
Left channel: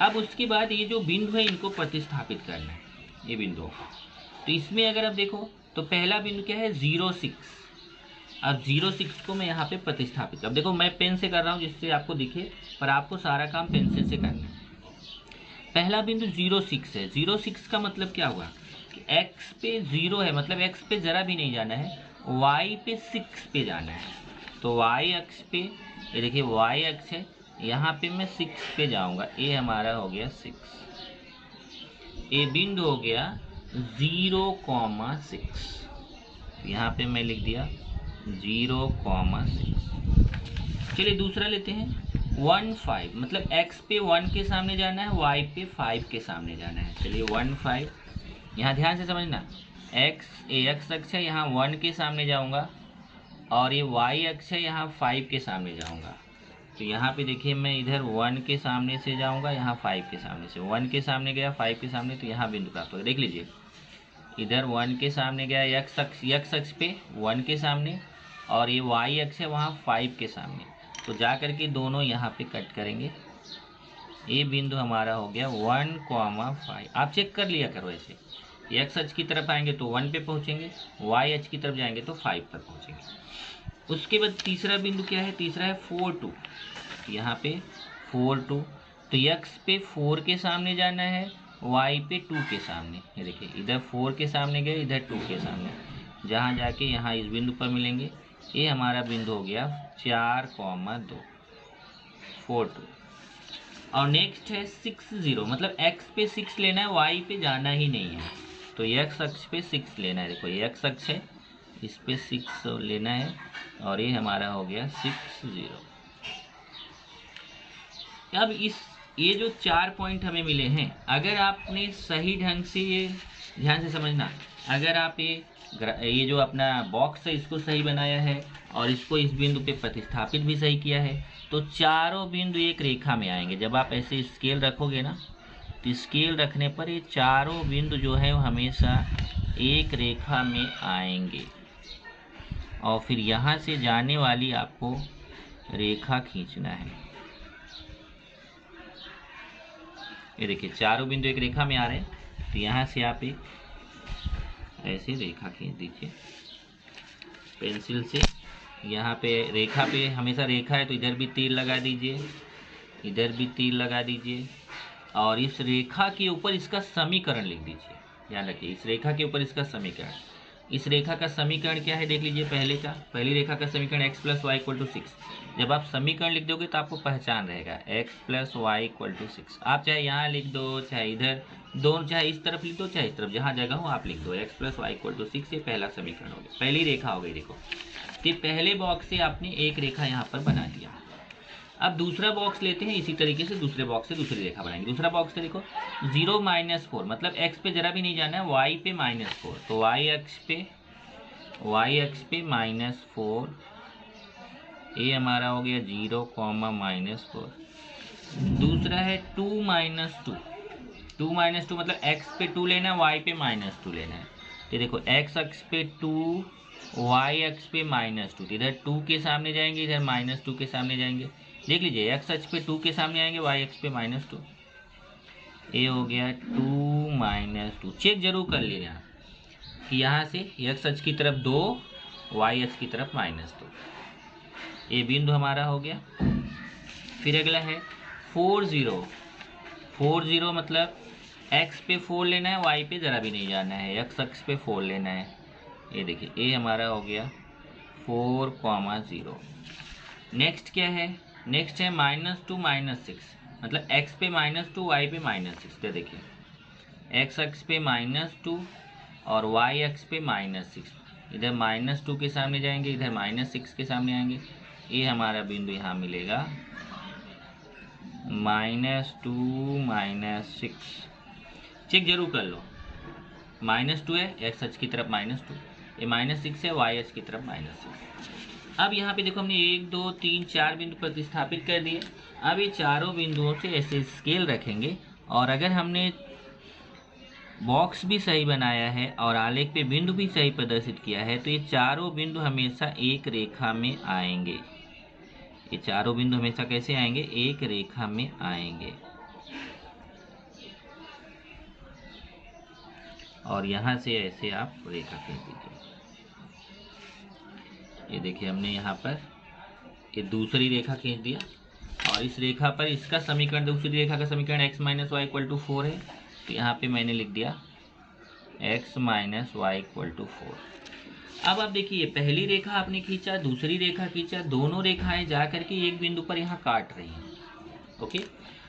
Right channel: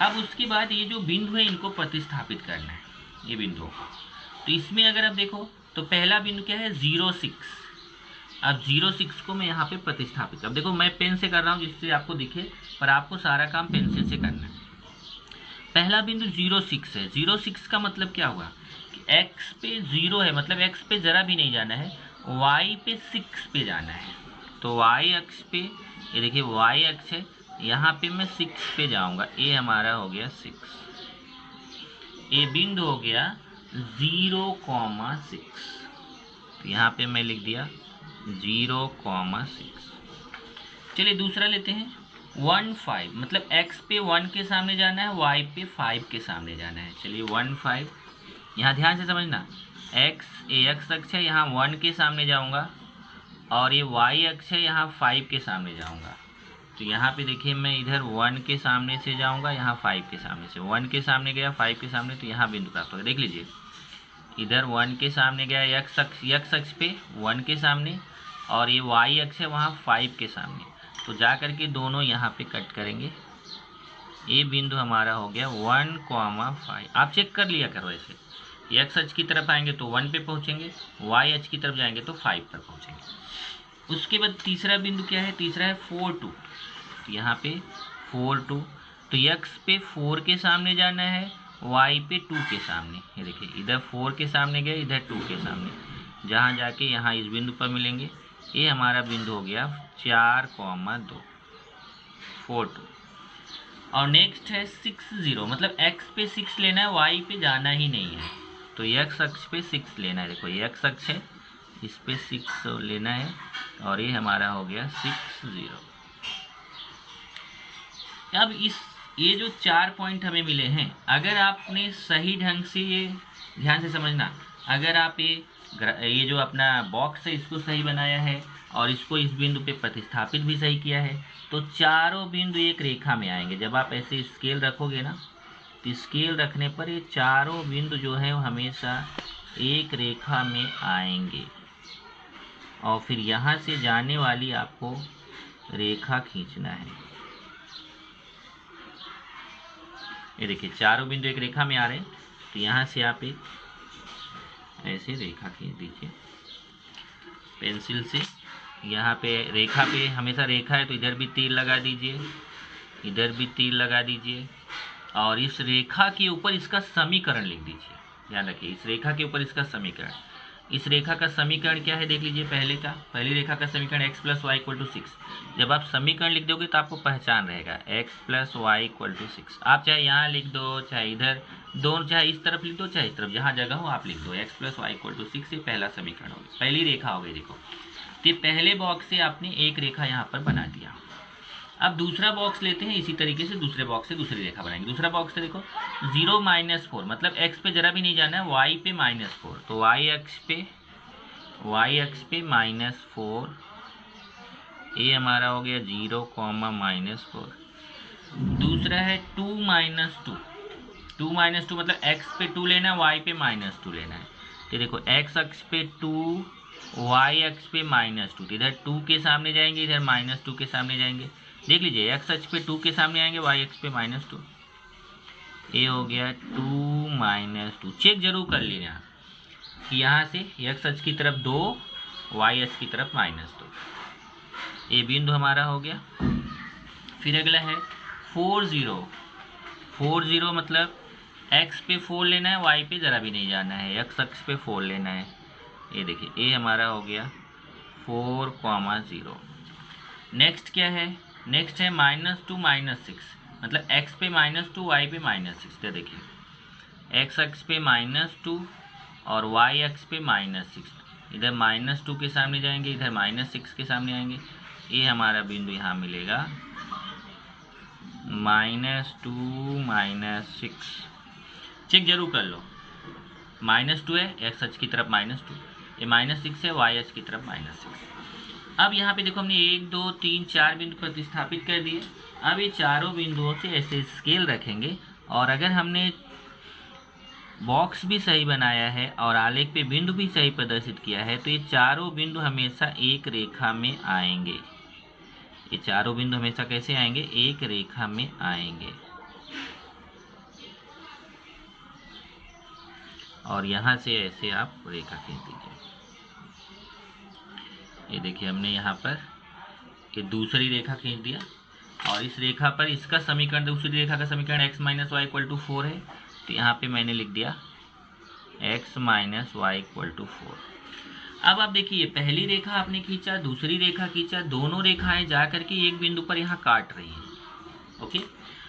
अब उसके बाद ये जो बिंदु है इनको प्रतिस्थापित करना है, ये बिंदुओं को। तो इसमें अगर आप देखो तो पहला बिंदु क्या है 0 6। अब 0 6 को मैं यहाँ पे प्रतिस्थापित, अब देखो मैं पेन से कर रहा हूँ जिससे आपको दिखे, पर आपको सारा काम पेंसिल से करना है। पहला बिंदु 0 6 है। 0 6 का मतलब क्या हुआ कि x पे 0 है, मतलब x पे ज़रा भी नहीं जाना है, y पे 6 पे जाना है। तो y अक्ष पे ये देखिए y अक्ष है, यहाँ पे मैं 6 पे जाऊँगा, ये हमारा हो गया 6, ये बिंदु हो गया 0,6। तो यहाँ पे मैं लिख दिया 0,6। चलिए दूसरा लेते हैं 1 5, मतलब x पे 1 के सामने जाना है, y पे 5 के सामने जाना है। चलिए 1 5, यहाँ ध्यान से समझना, x अक्ष है, यहाँ 1 के सामने जाऊँगा, और ये y अक्ष है, यहाँ 5 के सामने जाऊँगा। तो यहाँ पे देखिए मैं इधर 1 के सामने से जाऊँगा, यहाँ 5 के सामने से, 1 के सामने गया 5 के सामने, तो यहाँ बिंदु प्राप्त होगा। देख लीजिए इधर 1 के सामने गया x अक्ष पे 1 के सामने, और ये y अक्ष है वहाँ 5 के सामने, तो जा करके दोनों यहाँ पे कट करेंगे। ये बिंदु हमारा हो गया 1,5। आप चेक कर लिया करो, ऐसे x अक्ष की तरफ आएंगे तो 1 पे पहुँचेंगे, y अक्ष की तरफ जाएंगे तो 5 पर पहुँचेंगे। उसके बाद तीसरा बिंदु क्या है, तीसरा है 4 2। यहाँ पे 4 2, तो x पे 4 के सामने जाना है, y पे 2 के सामने। ये देखिए इधर 4 के सामने गए, इधर 2 के सामने, जहाँ जाके यहाँ इस बिंदु पर मिलेंगे। ये हमारा बिंदु हो गया 4,2 4 2। और नेक्स्ट है 6 0, मतलब x पे 6 लेना है, y पे जाना ही नहीं है, तो x अक्ष पे 6 लेना है। देखो ये x अक्ष है, इस पे 6 लेना है, और ये हमारा हो गया 6 0। अब ये जो 4 पॉइंट हमें मिले हैं, अगर आपने सही ढंग से, ये ध्यान से समझना, अगर आप ये जो अपना बॉक्स है इसको सही बनाया है और इसको इस बिंदु पे प्रतिस्थापित भी सही किया है, तो चारों बिंदु एक रेखा में आएंगे। जब आप ऐसे स्केल रखोगे ना, तो स्केल रखने पर ये चारों बिंदु जो है वो हमेशा एक रेखा में आएंगे, और फिर यहाँ से जाने वाली आपको रेखा खींचना है। ये देखिए चारों बिंदु एक रेखा में आ रहे हैं, तो यहाँ से आप एक ऐसे रेखा खींच दीजिए पेंसिल से। यहाँ पे रेखा पे हमेशा रेखा है तो इधर भी तीर लगा दीजिए, इधर भी तीर लगा दीजिए, और इस रेखा के ऊपर इसका समीकरण लिख दीजिए। ध्यान रखिए इस रेखा के ऊपर इसका समीकरण, इस रेखा का समीकरण क्या है देख लीजिए। पहली रेखा का समीकरण x + y = 6। जब आप समीकरण लिख दोगे तो आपको पहचान रहेगा x + y = 6। आप चाहे यहाँ लिख दो, चाहे इधर, दोनों, चाहे इस तरफ लिख दो, चाहे इस तरफ, जहाँ जगह हो आप लिख दो। x + y = 6 ये पहला समीकरण हो गया, पहली रेखा हो गई। देखो तो पहले बॉक्स से आपने एक रेखा यहाँ पर बना दिया। अब दूसरा बॉक्स लेते हैं, इसी तरीके से दूसरे बॉक्स से दूसरी रेखा बनाएंगे। दूसरा बॉक्स से देखो 0 - 4 मतलब x पे जरा भी नहीं जाना है, y पे -4, तो y अक्ष पे -4, ये हमारा हो गया 0, -4। दूसरा है 2 - 2 मतलब x पे 2 लेना है, y पे -2 लेना है। तो देखो x अक्ष पे 2, y अक्ष पे -2, इधर 2 के सामने जाएंगे, इधर -2 के सामने जाएंगे। देख लीजिए x अक्ष पे 2 के सामने आएंगे, y अक्ष पे -2, ये हो गया 2 - 2। चेक जरूर कर लेना, यहाँ से x अक्ष की तरफ 2, y अक्ष की तरफ -2, ये बिंदु हमारा हो गया। फिर अगला है 4 0, 4 0 मतलब x पे 4 लेना है, y पे ज़रा भी नहीं जाना है, x अक्ष पे 4 लेना है। ये देखिए ये हमारा हो गया 4, 0। नेक्स्ट क्या है, नेक्स्ट है -2 - 6 मतलब x पे -2, y पे -6। तो देखिए x अक्ष पे -2 और y अक्ष पे -6, इधर -2 के सामने जाएंगे, इधर -6 के सामने आएंगे। ये हमारा बिंदु यहाँ मिलेगा -2 - 6। चेक जरूर कर लो, -2 है, x अक्ष की तरफ -2, ये -6 है, y अक्ष की तरफ -6। अब यहाँ पे देखो हमने 1 2 3 4 बिंदु प्रतिस्थापित कर दिए। अब ये चारों बिंदुओं से ऐसे स्केल रखेंगे, और अगर हमने बॉक्स भी सही बनाया है और आलेख पे बिंदु भी सही प्रदर्शित किया है, तो ये चारों बिंदु हमेशा एक रेखा में आएंगे। ये चारों बिंदु हमेशा कैसे आएंगे, एक रेखा में आएंगे। और यहाँ से ऐसे आप रेखा खींच दीजिए। ये देखिए हमने यहाँ पर ये दूसरी रेखा खींच दिया, और इस रेखा पर इसका समीकरण, दूसरी रेखा का समीकरण x - y = 4 है, तो यहाँ पे मैंने लिख दिया x - y = 4। अब आप देखिए पहली रेखा आपने खींचा, दूसरी रेखा खींचा, दोनों रेखाएं जा करके एक बिंदु पर यहाँ काट रही हैं। ओके,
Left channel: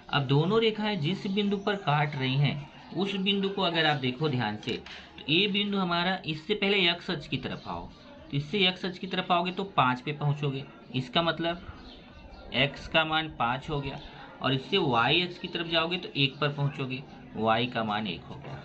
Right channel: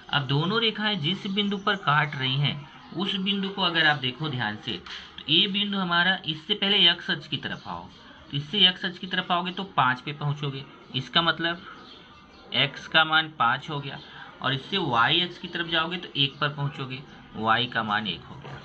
अब दोनों रेखाएं जिस बिंदु पर काट रही हैं, उस बिंदु को अगर आप देखो ध्यान से, तो ये बिंदु हमारा, इससे पहले x अक्ष की तरफ आओ, तो इससे x अक्ष की तरफ आओगे तो 5 पे पहुँचोगे, इसका मतलब x का मान 5 हो गया। और इससे y अक्ष की तरफ जाओगे तो 1 पर पहुँचोगे, y का मान 1 हो गया।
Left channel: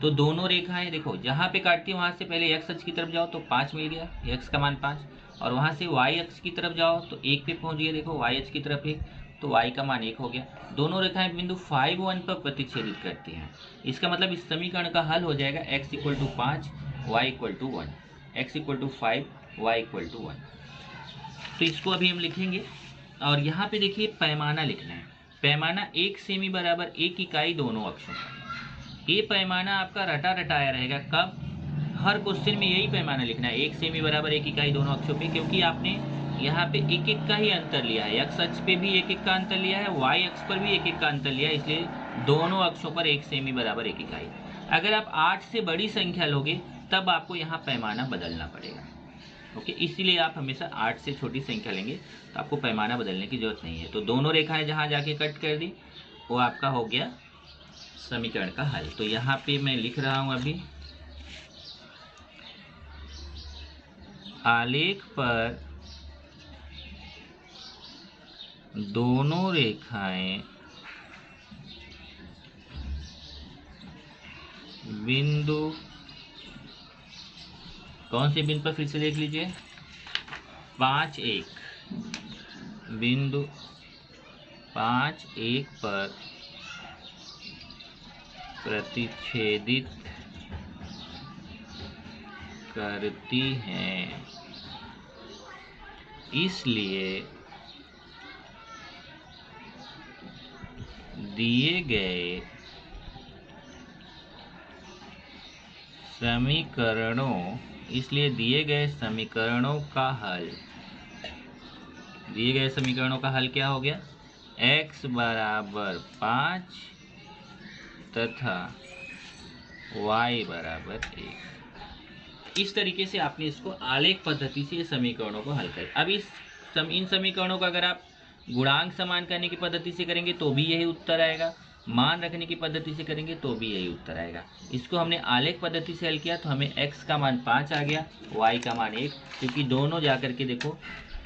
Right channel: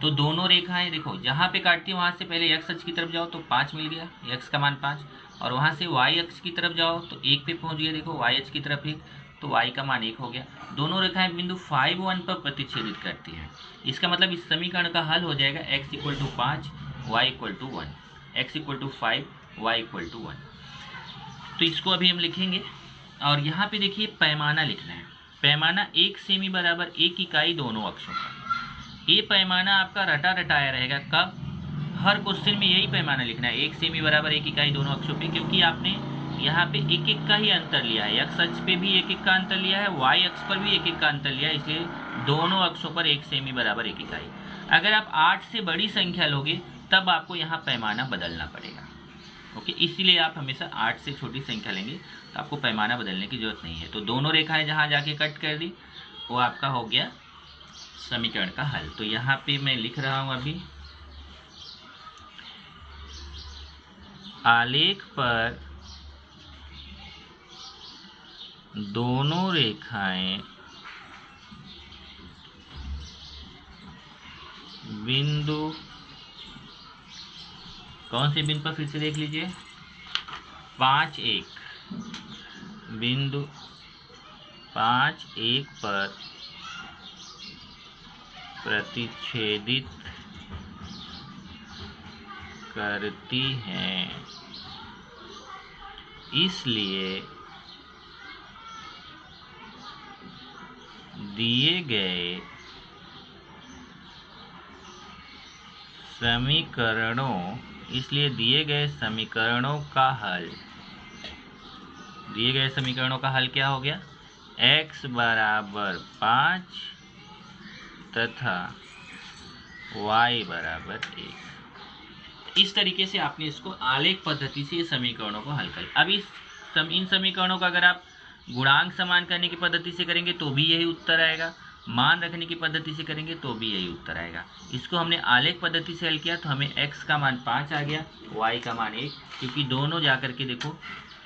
तो दोनों रेखाएं देखो जहाँ पे काटती है वहाँ से पहले x अक्ष की तरफ जाओ तो 5 मिल गया, x का मान 5, और वहाँ से y अक्ष की तरफ जाओ तो 1 पे पहुँच गए, देखो y अक्ष की तरफ 1, तो y का मान 1 हो गया। दोनों रेखाएं बिंदु 5 1 पर प्रतिच्छेदित करती हैं। इसका मतलब इस समीकरण का हल हो जाएगा x = 5, y = 1, x = 5, y = 1। तो इसको अभी हम लिखेंगे, और यहाँ पे देखिए पैमाना लिखना है। पैमाना 1 सेमी बराबर 1 इकाई दोनों अक्षों पर। ये पैमाना आपका रटा रटाया रहेगा, कब, हर क्वेश्चन में यही पैमाना लिखना है, 1 सेमी बराबर 1 इकाई दोनों अक्षों पे, क्योंकि आपने यहाँ पे एक एक का ही अंतर लिया है। x अक्ष पे भी एक एक का अंतर लिया है, y अक्ष पर भी एक एक का अंतर लिया है, इसलिए दोनों अक्षों पर 1 सेमी बराबर 1 इकाई। अगर आप 8 से बड़ी संख्या लोगे तब आपको यहाँ पैमाना बदलना पड़ेगा। ओके, इसीलिए आप हमेशा 8 से छोटी संख्या लेंगे तो आपको पैमाना बदलने की जरूरत नहीं है। तो दोनों रेखाएं जहाँ जाके कट कर दी वो आपका हो गया समीकरण का हल। तो यहाँ पे मैं लिख रहा हूँ अभी, आलेख पर दोनों रेखाएं बिंदु, कौन से बिंदु पर, फिर से देख लीजिए, 5 1, बिंदु 5 1 पर प्रतिच्छेदित करती हैं, इसलिए दिए गए समीकरणों का हल, दिए गए समीकरणों का हल क्या हो गया, x = 5 तथा y = 1। इस तरीके से आपने इसको आलेख पद्धति से समीकरणों को हल कर। अब इन समीकरणों का अगर आप गुणांक समान करने की पद्धति से करेंगे तो भी यही उत्तर आएगा, मान रखने की पद्धति से करेंगे तो भी यही उत्तर आएगा। इसको हमने आलेख पद्धति से हल किया तो हमें x का मान 5 आ गया, y का मान 1, क्योंकि दोनों जाकर के देखो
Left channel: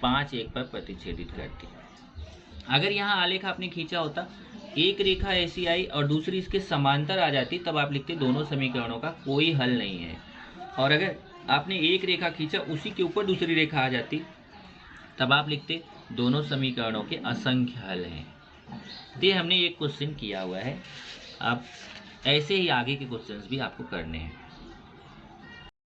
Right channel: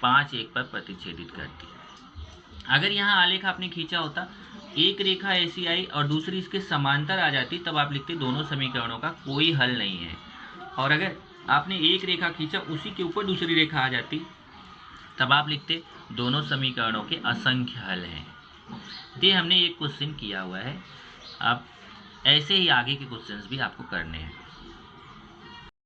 5 1 पर प्रतिच्छेदित करती है। अगर यहाँ आलेख आपने खींचा होता, एक रेखा ऐसी आई और दूसरी इसके समांतर आ जाती, तब आप लिखते दोनों समीकरणों का कोई हल नहीं है। और अगर आपने एक रेखा खींचा, उसी के ऊपर दूसरी रेखा आ जाती, तब आप लिखते दोनों समीकरणों के असंख्य हल हैं। ये हमने एक क्वेश्चन किया हुआ है। अब ऐसे ही आगे के क्वेश्चंस भी आपको करने हैं।